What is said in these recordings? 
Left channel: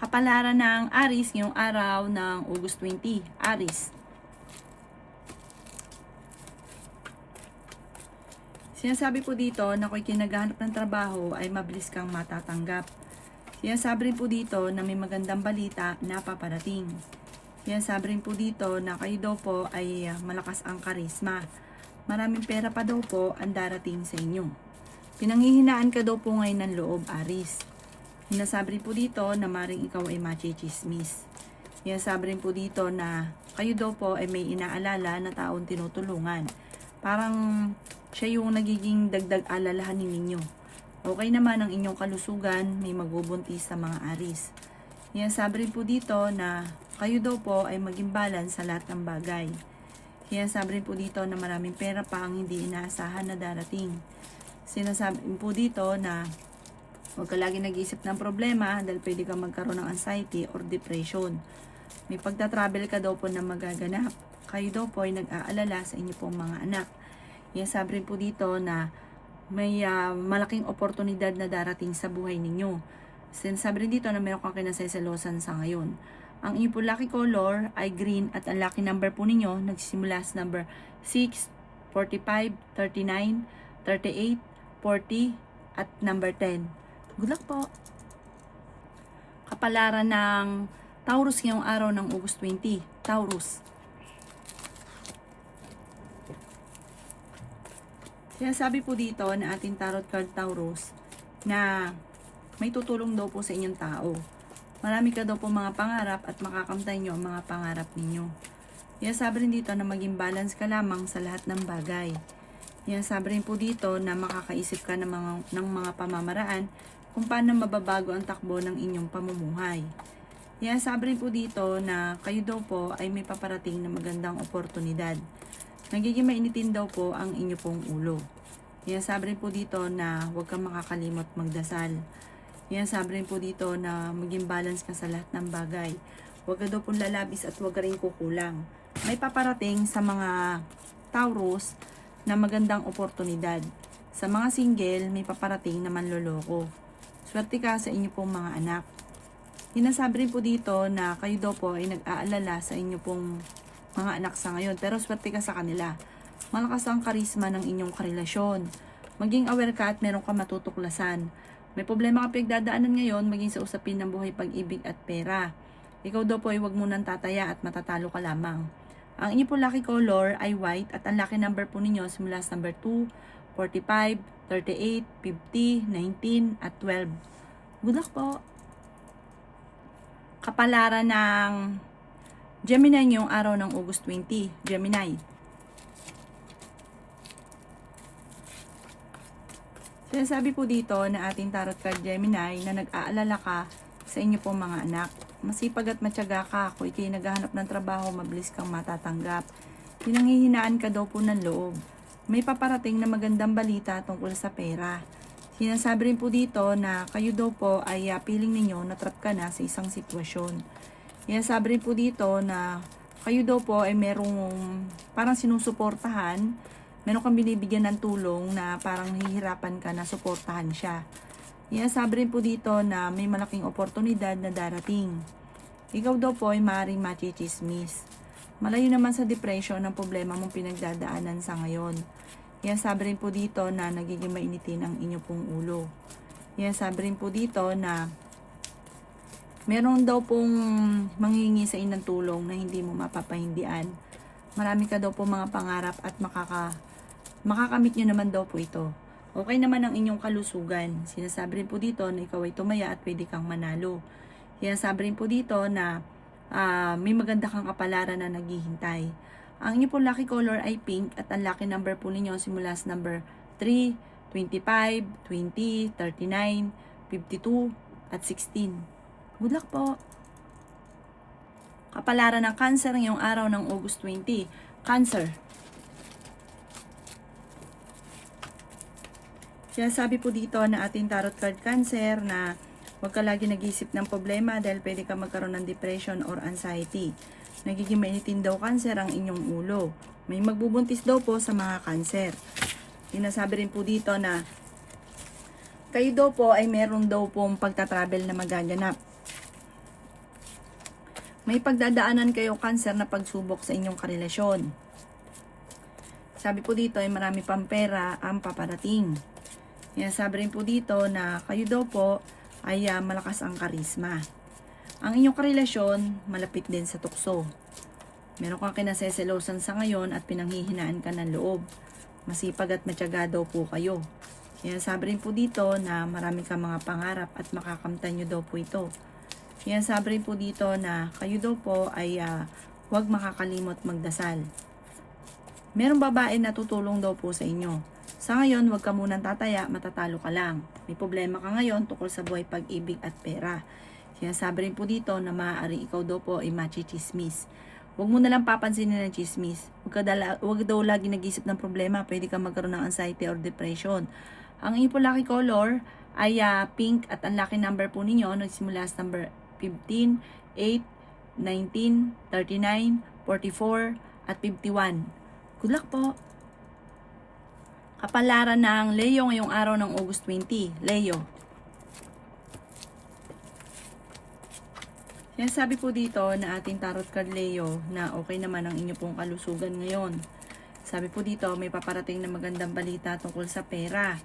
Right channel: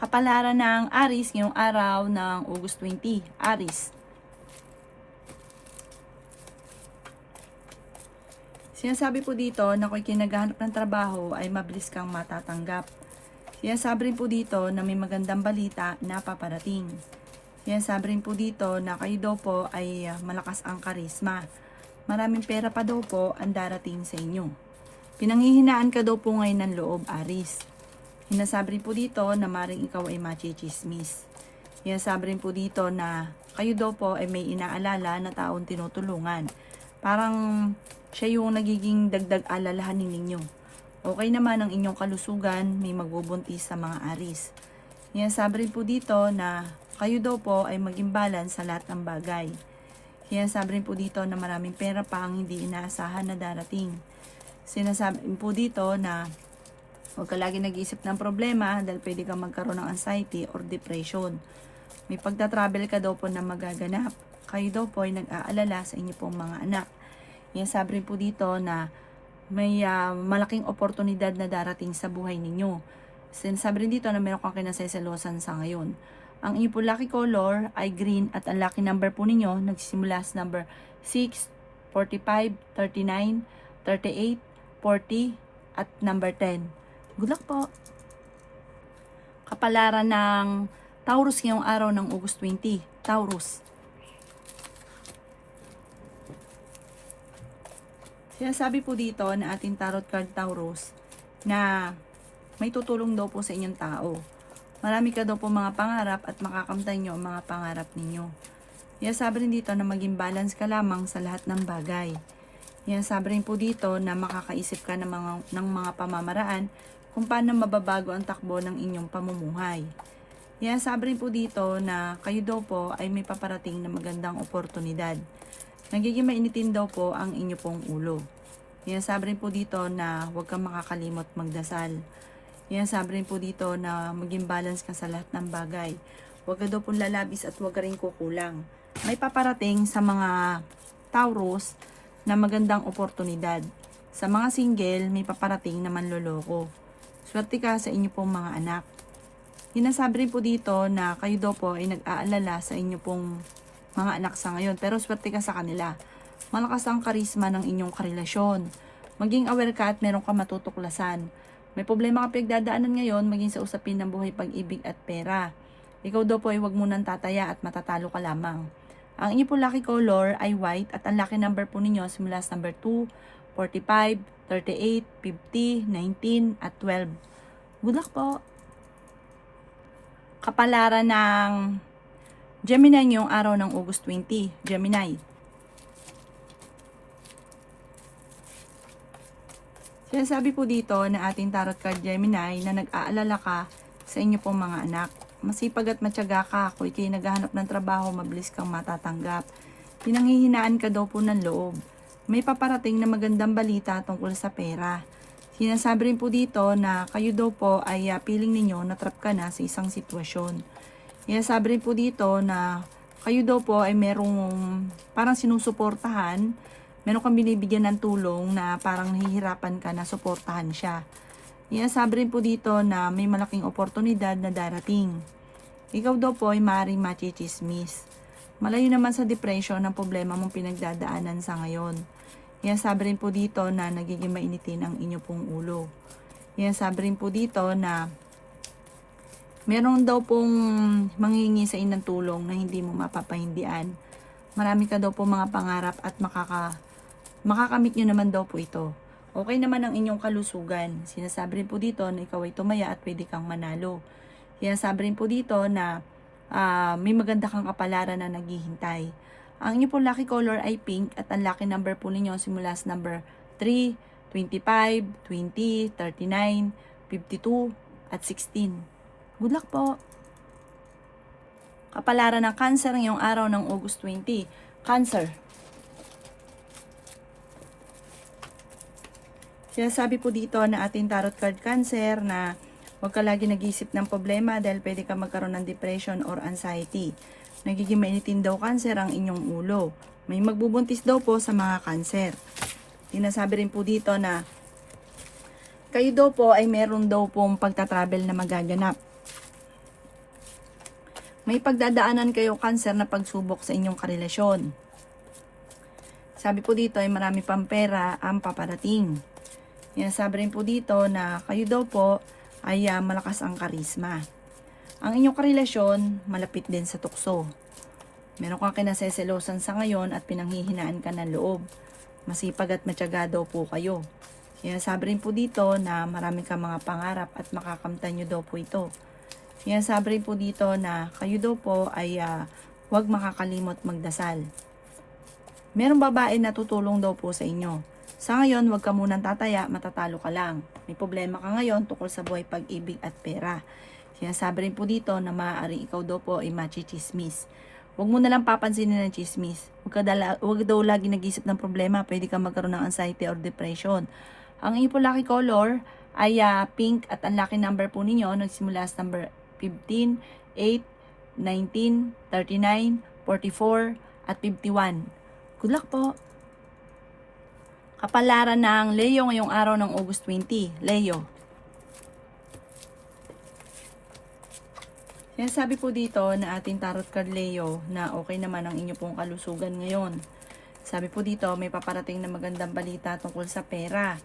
Kapalaran ng Aries ngayong araw ng August 20. Aries. Sinasabi po dito na kung kinaghahanap ng trabaho ay mabilis kang matatanggap. Sinasabi rin po dito na may magandang balita na paparating. Sinasabi rin po dito na kayo daw po ay malakas ang karisma. Maraming pera pa daw po ang darating sa inyo. Pinanghihinaan ka daw po ngayon ng loob, Aries. Sinasabi rin po dito na maring ikaw ay machichismis. Sinasabi rin po dito na kayo daw po ay may inaalala na taong tinutulungan. Parang siya yung nagiging dagdag alalahanin ninyo. Okay naman ang inyong kalusugan, may magbubuntis sa mga Aries. Sinasabi rin po dito na kayo daw po ay maging balance sa lahat ng bagay. Sinasabi rin po dito na maraming pera pa ang hindi inaasahan na darating. Sinasabi rin po dito na huwag ka lagi nag-iisip ng problema dahil pwede kang magkaroon ng anxiety or depression. May pagta-travel ka daw po na magaganap. Kayo daw po ay nag-aalala sa inyo pong mga anak. Sinasabi rin po dito na may malaking oportunidad na darating sa buhay ninyo. Sinasabi rin dito na meron kang kinasaysalusan sa ngayon. Ang inyong po lucky color ay green at ang lucky number po ninyo nagsisimula sa number 6, 45, 39, 38, 40 at number 10. Good luck po! Kapalaran ng Taurus ngayong araw ng August 20. Taurus. Sinasabi po dito na ating tarot card Taurus na may tutulong daw po sa inyong tao. Marami ka daw po mga pangarap at makakamtan nyo ang mga pangarap ninyo. Sinasabi rin dito na maging balance ka lamang sa lahat ng bagay. Sinasabi rin po dito na makakaisip ka ng mga pamamaraan kung paano mababago ang takbo ng inyong pamumuhay. Sinasabi rin po dito na kayo daw po ay may paparating na magandang oportunidad. Nagiging mainitin daw po ang inyo pong ulo. Sinasabi rin po dito na huwag kang makakalimot magdasal. Sinasabi rin po dito na maging balance ka sa lahat ng bagay. Huwag ka daw pong lalabis at huwag ka rin kukulang. May paparating sa mga Taurus na magandang oportunidad. Sa mga single, may paparating na manloloko. Swerte ka sa inyo pong mga anak. Sinasabi rin po dito na kayo daw po ay nag-aalala sa inyo pong mga anak sa ngayon. Pero swerte ka sa kanila. Malakas ang karisma ng inyong karelasyon. Maging aware ka at meron ka matutuklasan. May problema ka pinagdadaanan ngayon maging sa usapin ng buhay, pag-ibig at pera. Ikaw daw po ay huwag munang tataya at matatalo ka lamang. Ang inyo po lucky color ay white at ang lucky number po ninyo simula sa number 2, 45, 38, 50, 19 at 12. Good luck po! Kapalaran ng Gemini ngayong araw ng August 20. Gemini. Sinasabi po dito na ating tarot card Gemini na nag-aalala ka sa inyo pong mga anak. Masipag at matyaga ka. Kung ikay naghahanap ng trabaho, mabilis kang matatanggap. Pinanghihinaan ka daw po ng loob. May paparating na magandang balita tungkol sa pera. Sinasabi rin po dito na kayo daw po ay feeling ninyo na trap ka na sa isang sitwasyon. Sinasabi rin po dito na kayo daw po ay merong parang sinusuportahan. Meron kang binibigyan ng tulong na parang nahihirapan ka na suportahan siya. Sinasabi rin po dito na may malaking oportunidad na darating. Ikaw daw po ay maaaring machichismis. Malayo naman sa depression ang problema mong pinagdadaanan sa ngayon. Sinasabi rin po dito na nagiging mainitin ang inyo pong ulo. Sinasabi rin po dito na meron daw pong manghihingi sa inyo ng tulong na hindi mo mapapahindian. Marami ka daw po mga pangarap at makakamit nyo naman daw po ito. Okay naman ang inyong kalusugan. Sinasabi rin po dito na ikaw ay tumaya at pwede kang manalo. Sinasabi rin po dito na may maganda kang kapalaran na naghihintay. Ang inyo po lucky color ay pink at ang lucky number po ninyo simula sa number 3, 25, 20, 39, 52 at 16. Good luck po! Kapalaran ng Cancer ngayong araw ng August 20. Cancer. Sinasabi po dito na ating tarot card Cancer na huwag ka lagi nag-iisip ng problema dahil pwede ka magkaroon ng depression or anxiety. Nagiging mainitin daw Cancer ang inyong ulo. May magbubuntis daw po sa mga Cancer. Sinasabi rin po dito na kayo daw po ay meron daw pong pagta-travel na magaganap. May pagdadaanan kayo cancer na pagsubok sa inyong karelasyon. Sabi po dito ay marami pang pera ang paparating. Yan, sabi rin po dito na kayo daw po ay malakas ang karisma. Ang inyong karelasyon malapit din sa tukso. Meron kang kinaseselosan sa ngayon at pinanghihinaan ka ng loob. Masipag at matyaga daw po kayo. Yan, sabi rin po dito na marami kang mga pangarap at makakamtan nyo daw po ito. Yan, sabi rin po dito na kayo daw po ay huwag makakalimot magdasal. Merong babae na tutulong daw po sa inyo. Sa ngayon, huwag ka munang tataya, matatalo ka lang. May problema ka ngayon tungkol sa buhay, pag-ibig at pera. Sinasabi rin po dito na maaari ikaw daw po ay machichismis. Huwag mo na lang papansinin ng chismis. Huwag daw lagi nag-isip ng problema, pwede ka magkaroon ng anxiety or depression. Ang iyong po lucky color ay pink at ang lucky number po ninyo nagsimula sa number 15, 8, 19, 39, 44 at 51. Good luck po! Kapalaran ng Leo ngayong araw ng August 20. Leo. Sinasabi po dito na ating tarot card Leo na okay naman ang inyo pong kalusugan ngayon. Sabi po dito may paparating na magandang balita tungkol sa pera.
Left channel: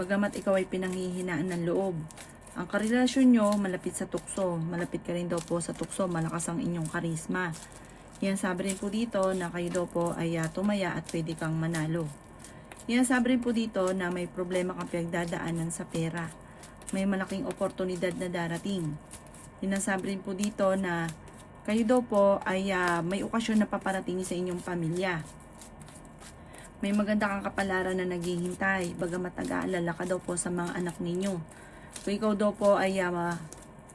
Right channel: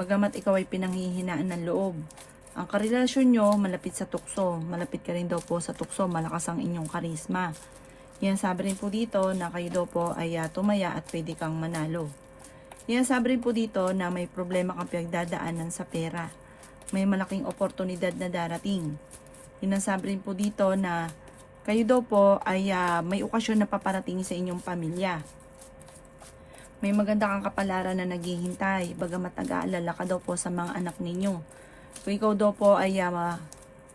Bagamat ikaw ay pinanghihinaan ng loob. Ang karelasyon nyo malapit sa tukso. Malapit ka rin daw po sa tukso. Malakas ang inyong karisma. Yan, sabi rin po dito na kayo daw po ay tumaya at pwede kang manalo. Yan, sabi rin po dito na may problema kang pinagdadaanan sa pera. May malaking oportunidad na darating. Yan, sabi rin po dito na kayo daw po ay may okasyon na paparating sa inyong pamilya. May maganda kang kapalaran na naghihintay. Bagamat nag-aalala ka daw po sa mga anak ninyo. Kung ikaw daw po ay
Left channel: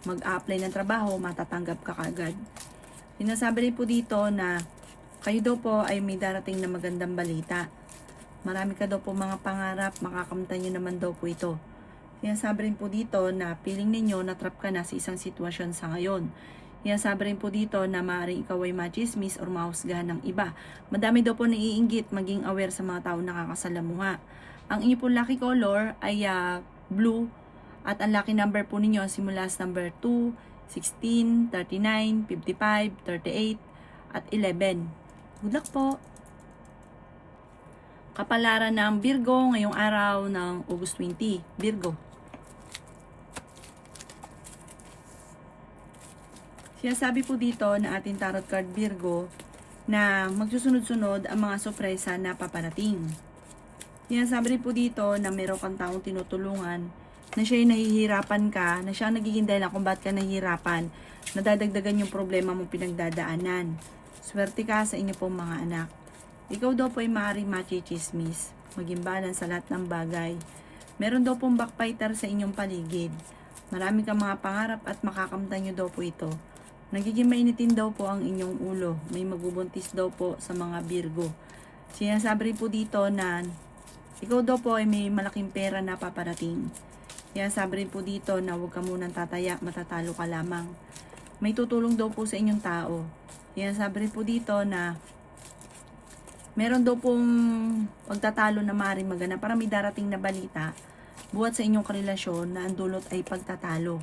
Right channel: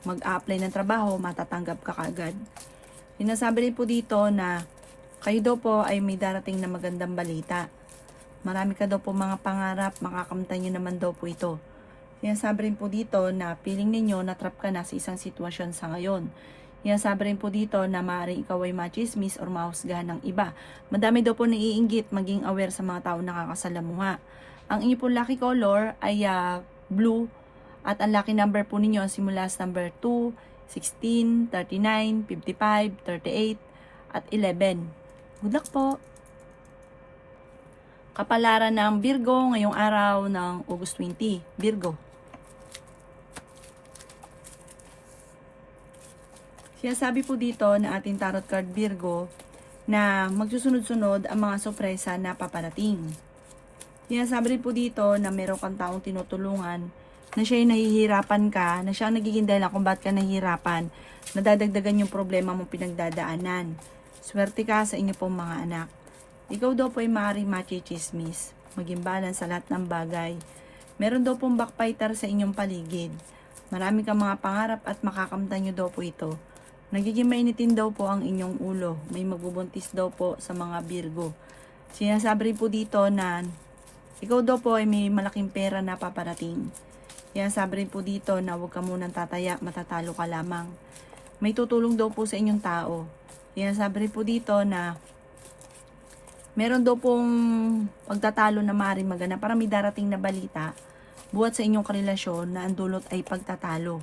mag-a-apply ng trabaho, matatanggap ka kagad. Sinasabi rin po dito na kayo daw po ay may darating na magandang balita. Marami ka daw po mga pangarap, makakamtan nyo naman daw po ito. Sinasabi rin po dito na feeling ninyo na-trap ka na sa isang sitwasyon sa ngayon. Sinasabi rin po dito na maaaring ikaw ay machismis or mahusgahan ng iba. Madami daw po naiinggit, maging aware sa mga tao nakakasalamuha. Ang inyo po lucky color ay blue at ang lucky number po ninyo simula sa number 2, 16, 39, 55, 38, at 11. Good luck po! Kapalaran ng Virgo ngayong araw ng August 20. Virgo. Sinasabi po dito na ating tarot card Virgo na magsusunod-sunod ang mga sorpresa na paparating. Sinasabi rin po dito na meron kang taong tinutulungan na siya ay nahihirapan ka, na siya ang nagiging dahilan kung bakit ka nahihirapan, nadadagdagan yung problema mong pinagdadaanan. Swerte ka sa inyo pong mga anak. Ikaw daw po ay maaaring machichismis, maging balance sa lahat ng bagay. Meron daw pong backbiter sa inyong paligid. Marami kang mga pangarap at makakamtan nyo daw po ito. Nagiging mainitin daw po ang inyong ulo. May magbubuntis daw po sa mga Virgo. Sinasabi rin po dito na ikaw daw po ay may malaking pera na paparating. Kaya sabi rin po dito na huwag ka munang tataya, matatalo ka lamang. May tutulong daw po sa inyong tao. Kaya sabi rin po dito na meron daw pong pagtatalo na maaaring maganap para may darating na balita buhat sa inyong karelasyon na ang dulot ay pagtatalo.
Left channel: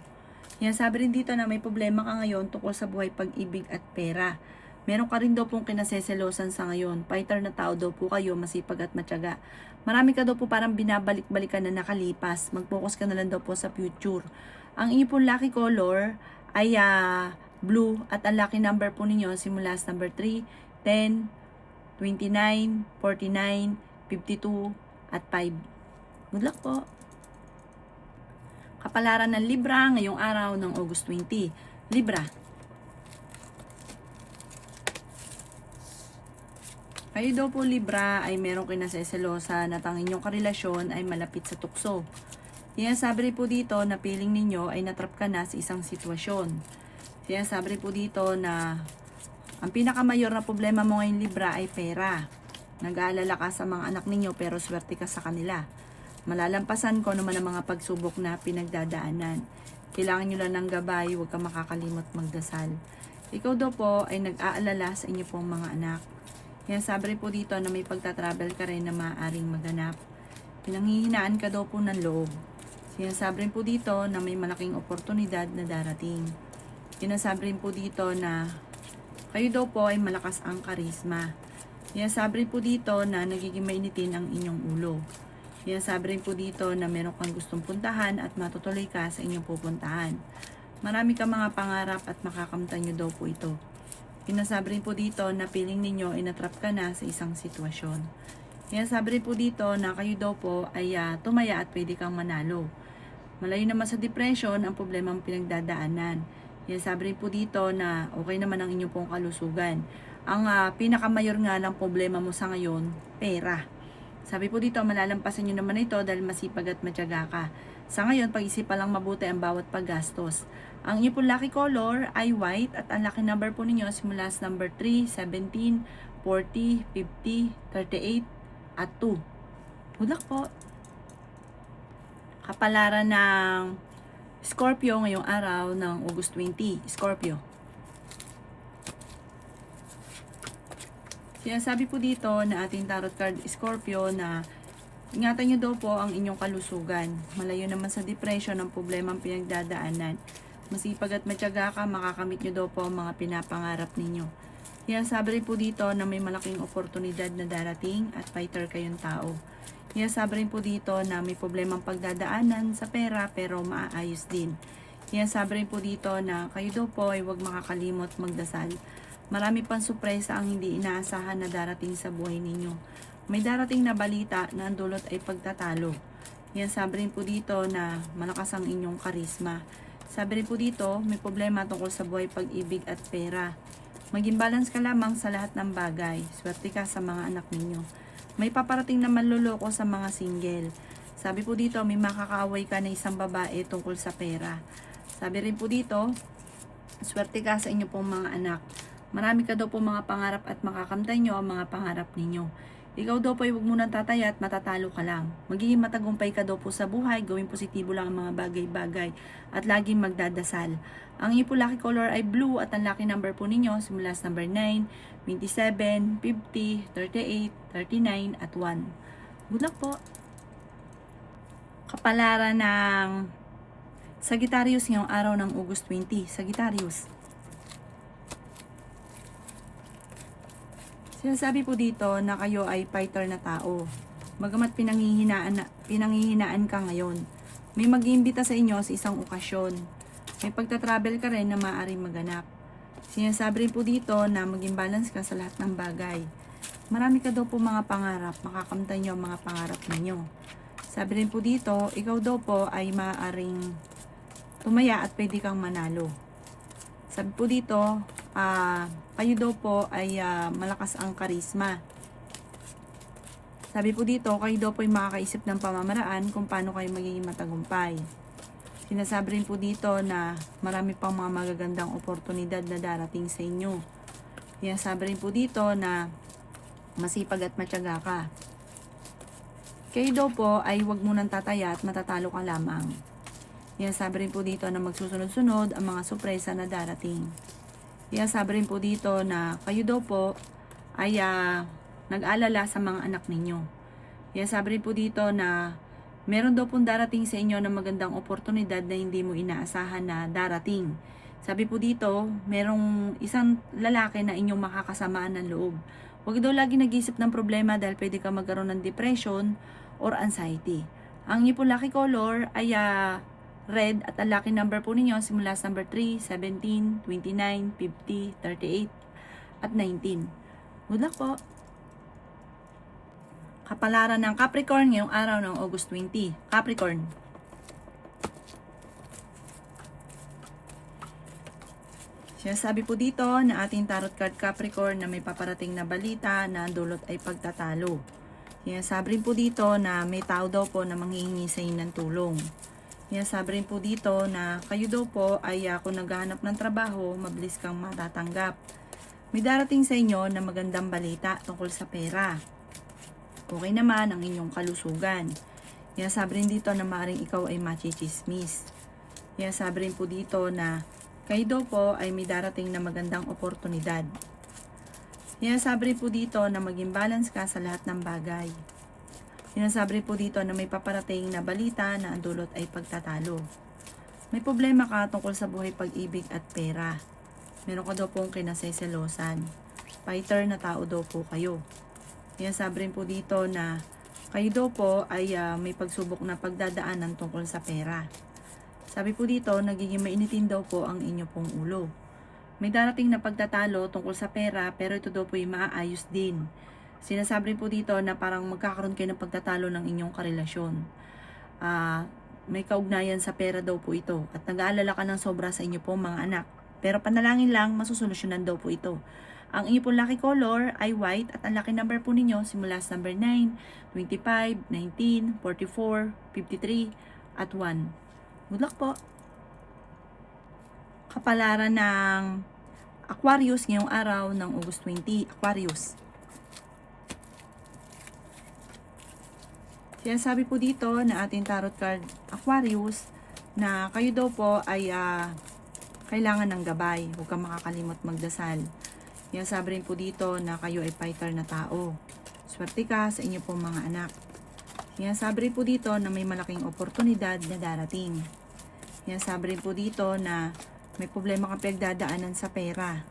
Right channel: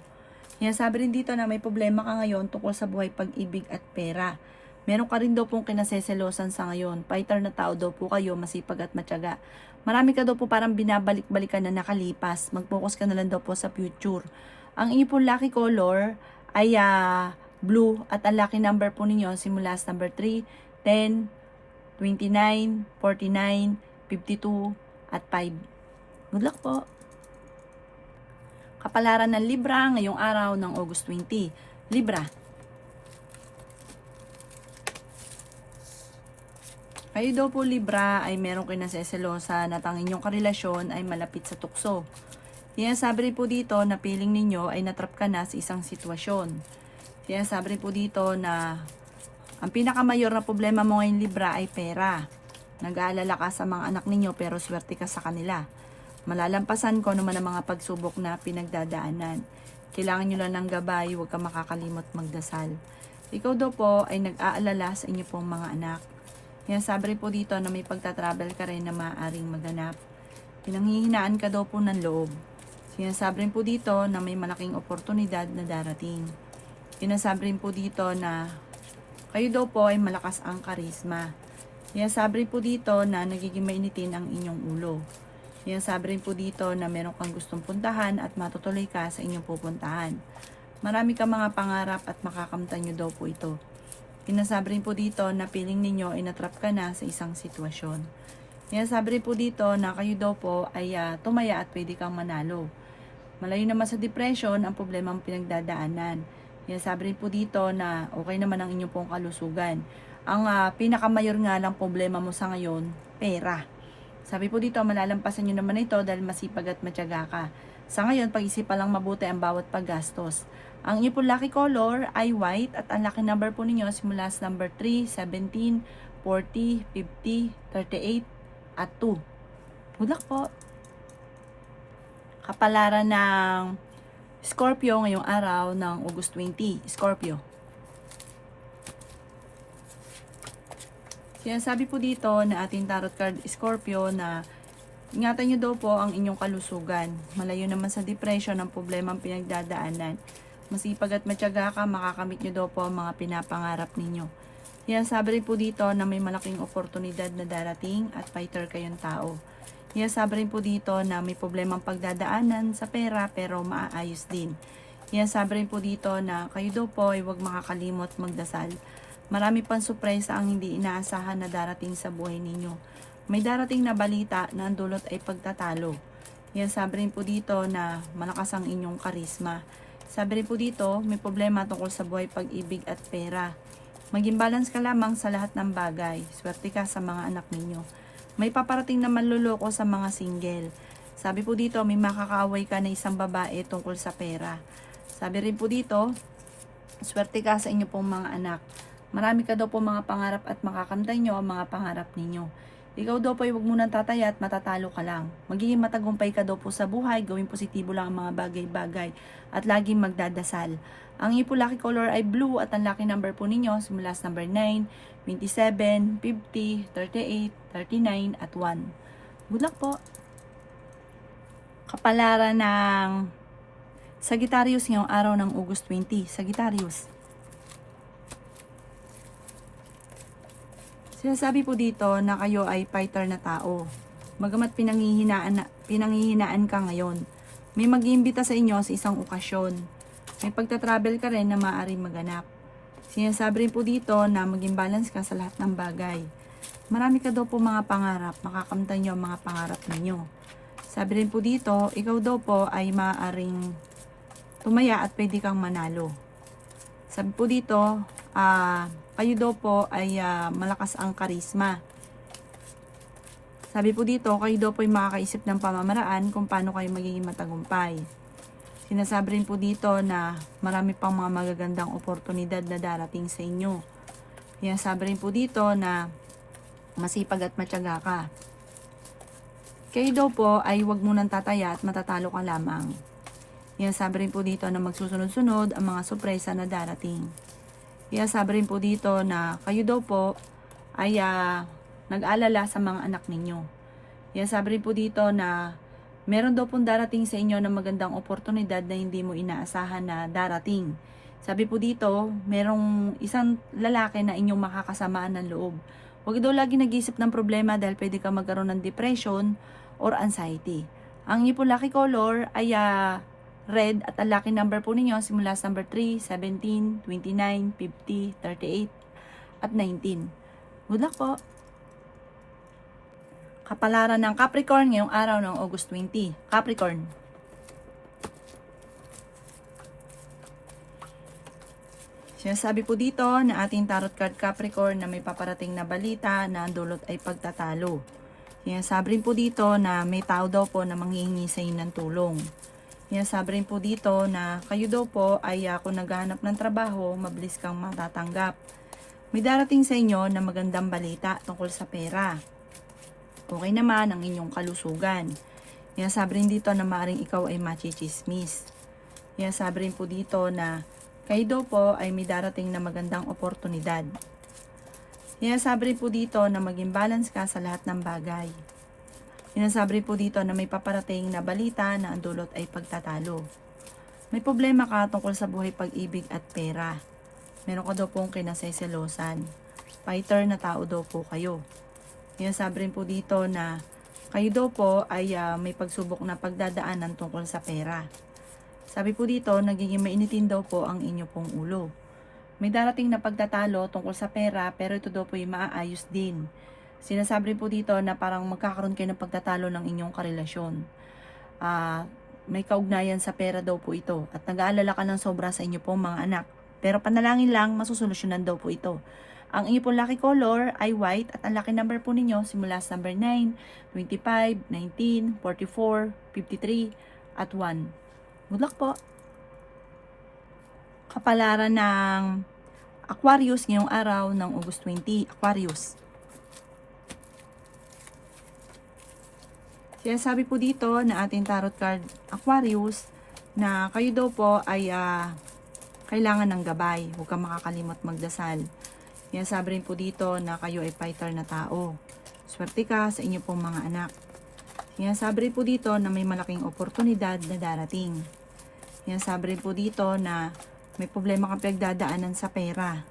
Kaya sabi rin dito na may problema ka ngayon tungkol sa buhay, pag-ibig at pera. Meron ka rin daw pong kinaseselosan sa ngayon. Fighter na tao daw po kayo, masipag at matyaga. Marami ka daw po parang binabalik-balikan na nakalipas. Mag-focus ka na lang daw po sa future. Ang inyo po lucky color ay blue at ang lucky number po ninyo simula sa number 3, 10, 29, 49, 52, at 5. Good luck po! Kapalaran ng Libra ngayong araw ng August 20. Libra. Kayo daw po Libra ay merong kinaseselosan at ang inyong karelasyon ay malapit sa tukso. Sinasabi rin po dito na feeling ninyo ay natrap ka na sa isang sitwasyon. Sinasabi rin po dito na ang pinakamayor na problema mo ngayon Libra ay pera. Nag-aalala ka sa mga anak ninyo pero swerte ka sa kanila. Malalampasan ko naman ang mga pagsubok na pinagdadaanan. Kailangan nyo lang ng gabay, huwag ka makakalimot magdasal. Ikaw daw po ay nag-aalala sa inyo pong mga anak. Yan, sabi rin po dito na may pagtatravel ka rin na maaaring maganap. Pinanghihinaan ka daw po ng loob. Sinasabi rin po dito na may malaking oportunidad na darating. Sinasabi rin po dito na Kayo daw po ay malakas ang karisma. Sabi rin po dito na nagiging mainitin ang inyong ulo. Sabi rin po dito na meron kang gustong puntahan at matutuloy ka sa inyong pupuntahan. Marami ka mga pangarap at makakamtan nyo daw po ito. Sabi rin po dito na feeling ninyo ay natrap ka na sa isang sitwasyon. Sabi rin po dito na kayo daw po ay tumaya at pwede kang manalo. Malayo naman sa depression ang problema ang pinagdadaanan. Sabi rin po dito na okay naman ang inyong pong kalusugan. Ang pinakamayor nga lang problema mo sa ngayon, pera. Sabi po dito, malalampasan nyo naman ito dahil masipag at matyaga ka. Sa ngayon, pag-isipan lang mabuti ang bawat paggastos. Ang inyong po lucky color ay white at ang lucky number po ninyo simula sa number 3, 17, 40, 50, 38, at 2. Good luck po! Kapalaran ng Scorpio ngayong araw ng August 20. Scorpio. Sabi po dito na ating tarot card Scorpio na ingatan nyo daw po ang inyong kalusugan. Malayo naman sa depression ang problema ang pinagdadaanan. Masipag at matyaga ka, makakamit nyo daw po ang mga pinapangarap ninyo. Sabi rin po dito na may malaking oportunidad na darating at fighter kayong tao. Sabi rin po dito na may problemang pagdadaanan sa pera pero maaayos din. Sabi rin po dito na kayo daw po ay huwag makakalimot magdasal. Marami pang sorpresa ang hindi inaasahan na darating sa buhay ninyo. May darating na balita na ang dulot ay pagtatalo. Sabi rin po dito na malakas ang inyong karisma. Sabi rin po dito may problema tungkol sa buhay, pag-ibig at pera. Maging balance ka lamang sa lahat ng bagay. Swerte ka sa mga anak ninyo. May paparating na manluloko sa mga single. Sabi po dito, may makakaaway ka na isang babae tungkol sa pera. Sabi rin po dito, swerte ka sa inyo pong mga anak. Marami ka daw po mga pangarap at makakamtan nyo ang mga pangarap ninyo. Ikaw daw po ay huwag munang tataya at matatalo ka lang. Magiging matagumpay ka daw po sa buhay, gawing positibo lang ang mga bagay-bagay at laging magdadasal. Ang inyong po lucky color ay blue at ang lucky number po ninyo simula sa number 9, 27, 50, 38, 39 at 1. Good luck po! Kapalaran ng Sagittarius ngayong araw ng August 20. Sagittarius. Sinasabi po dito na kayo ay fighter na tao. Bagamat pinanghihinaan ka ngayon, may mag-iimbita sa inyo sa isang okasyon. May pagta-travel ka rin na maaaring maganap. Sinasabi rin po dito na maging balance ka sa lahat ng bagay. Marami ka daw po mga pangarap, makakamtan nyo ang mga pangarap ninyo. Sabi rin po dito, ikaw daw po ay maaaring tumaya at pwede kang manalo. Sabi po dito, kayo daw po ay malakas ang karisma. Sabi po dito, kayo daw po ay makakaisip ng pamamaraan kung paano kayo magiging matagumpay. Sinasabi rin po dito na marami pang mga magagandang oportunidad na darating sa inyo. Sinasabi rin po dito na masipag at matyaga ka. Kayo daw po ay huwag munang tataya at matatalo ka lamang. Sabi rin po dito na magsusunod-sunod ang mga sorpresa na darating. Sabi rin po dito na kayo daw po ay nag-alala sa mga anak ninyo. Sabi rin po dito na meron daw pong darating sa inyo na magandang oportunidad na hindi mo inaasahan na darating. Sabi po dito, merong isang lalaki na inyong makakasamaan ng loob. Huwag daw lagi nag-isip ng problema dahil pwede ka magkaroon ng depression or anxiety. Ang inyong po lucky color ay red at ang lucky number po ninyo simula sa number 3, 17, 29, 50, 38, at 19. Good luck po! Kapalaran ng Capricorn ngayong araw ng August 20. Capricorn. Sinasabi po dito na ating tarot card Capricorn na may paparating na balita na ang dulot ay pagtatalo. Sinasabi rin po dito na may tao daw po na manghihingi sa inyo ng tulong. Sinasabi rin po dito na kayo daw po ay kung naghahanap ng trabaho, mabilis kang matatanggap. May darating sa inyo na magandang balita tungkol sa pera. Okay naman ang inyong kalusugan. Sinasabi rin dito na maaaring ikaw ay machichismis. Sinasabi rin po dito na kayo daw po ay may darating na magandang oportunidad. Sinasabi rin po dito na maging balance ka sa lahat ng bagay. Sinasabi rin po dito na may paparating na balita na ang dulot ay pagtatalo. May problema ka tungkol sa buhay, pag-ibig at pera. Meron ka daw pong kinaseselosan. Fighter na tao daw po kayo. Kaya sabi rin po dito na kayo daw po ay may pagsubok na pagdadaanan tungkol sa pera. Sabi po dito, nagiging mainitin daw po ang inyo pong ulo. May darating na pagtatalo tungkol sa pera, pero ito daw po ay maaayos din. Sinasabi rin po dito na parang magkakaroon kayo ng pagtatalo ng inyong karelasyon. May kaugnayan sa pera daw po ito at nag-aalala ka ng sobra sa inyo pong mga anak. Pero panalangin lang, masusolusyonan daw po ito. Ang inyo pong lucky color ay white at ang lucky number po ninyo simula sa number 9, 25, 19, 44, 53, at 1. Good luck po! Kapalaran ng Aquarius ngayong araw ng August 20, Aquarius. Sinasabi po dito na ating tarot card Aquarius na kayo daw po ay kailangan ng gabay. Huwag kang makakalimot magdasal. Sinasabi rin po dito na kayo ay fighter na tao. Swerte ka sa inyo pong mga anak. Sinasabi rin po dito na may malaking oportunidad na darating. Sinasabi rin po dito na may problema kang pinagdadaanan sa pera.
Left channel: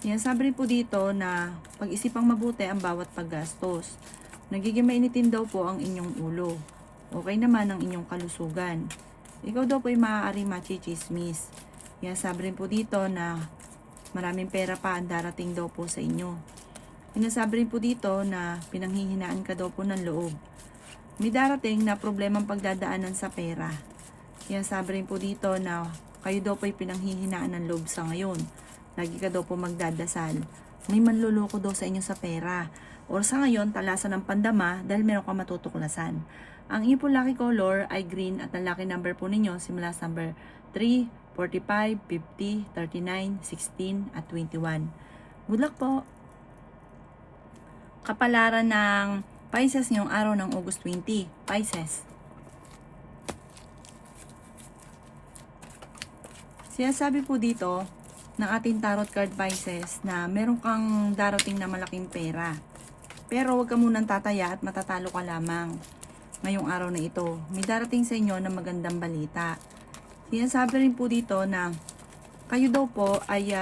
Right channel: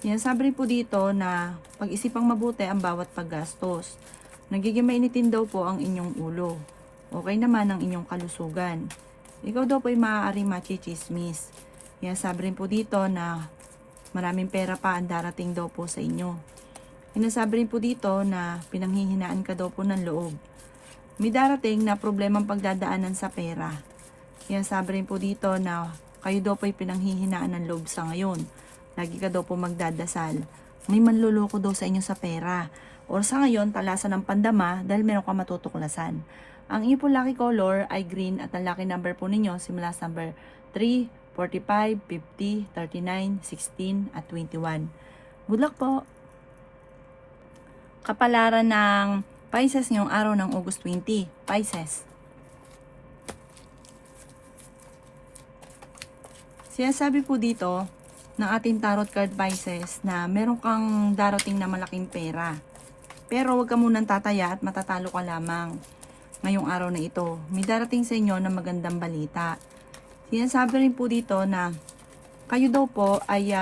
Sinasabi rin po dito na pag-isipang mabuti ang bawat paggastos. Nagiging mainitin daw po ang inyong ulo. Okay naman ang inyong kalusugan. Ikaw daw po ay maaaring machichismis. Sinasabi rin po dito na maraming pera pa ang darating daw po sa inyo. Sinasabi rin po dito na pinanghihinaan ka daw po ng loob. May darating na problemang pagdadaanan sa pera. Sinasabi rin po dito na kayo daw po ay pinanghihinaan ng loob sa ngayon. Lagi ka daw po magdadasal. May manluloko daw sa inyo sa pera. O sa ngayon, talasan ng pandama dahil meron ka matutuklasan. Ang inyo po lucky color ay green at ang lucky number po ninyo simula sa number 3, 45, 50, 39, 16, at 21. Good luck po! Kapalaran ng Pisces ngayong araw ng August 20. Pisces. Sinasabi po dito ng ating tarot card Pisces na meron kang darating na malaking pera. Pero huwag ka munang tataya at matatalo ka lamang ngayong araw na ito. May darating sa inyo na magandang balita. Sinasabi rin po dito na kayo daw po ay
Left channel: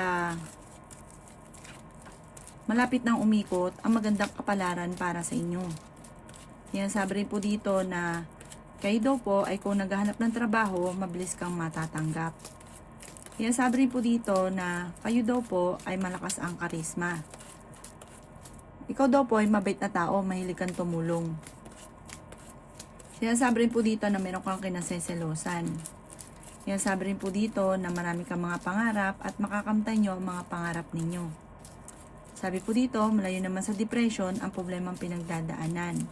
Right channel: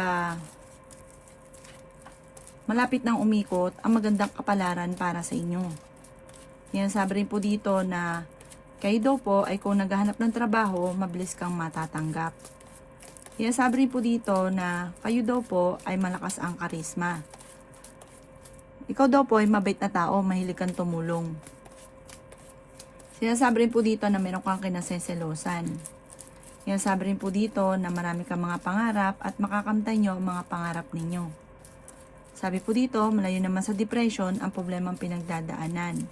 malapit nang umikot ang magandang kapalaran para sa inyo. Sinasabi rin po dito na kayo daw po ay kung naghahanap ng trabaho, mabilis kang matatanggap. Sinasabi rin po dito na kayo daw po ay malakas ang karisma. Ikaw daw po ay mabait na tao, mahilig kang tumulong. Sinasabi rin po dito na meron kang kinaseselosan. Sinasabi rin po dito na marami kang mga pangarap at makakamtay nyo ang mga pangarap ninyo. Sabi po dito, malayo naman sa depression ang problemang pinagdadaanan.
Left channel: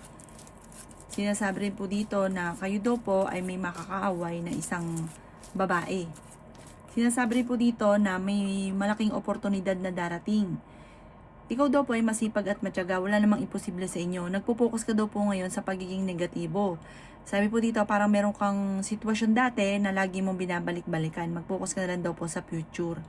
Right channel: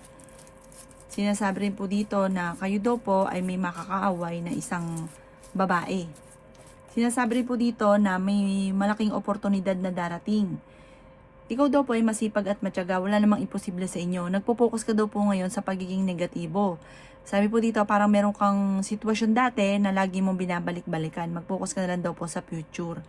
Sinasabi rin po dito na kayo daw po ay may makakaaway na isang babae. Sinasabi rin po dito na may malaking oportunidad na darating. Ikaw daw po ay masipag at matyaga, wala namang imposible sa inyo. Nagpo-focus ka daw po ngayon sa pagiging negatibo. Sabi po dito, parang meron kang sitwasyon dati na lagi mong binabalik-balikan. Mag-focus ka na lang daw po sa future.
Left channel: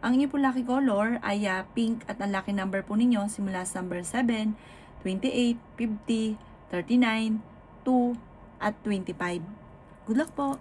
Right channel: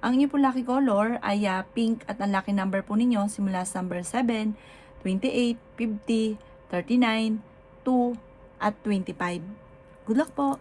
Ang inyo po lucky color ay pink at ang lucky number po ninyo simula sa number 7, 28, 50, 39, 2, at 25. Good luck po!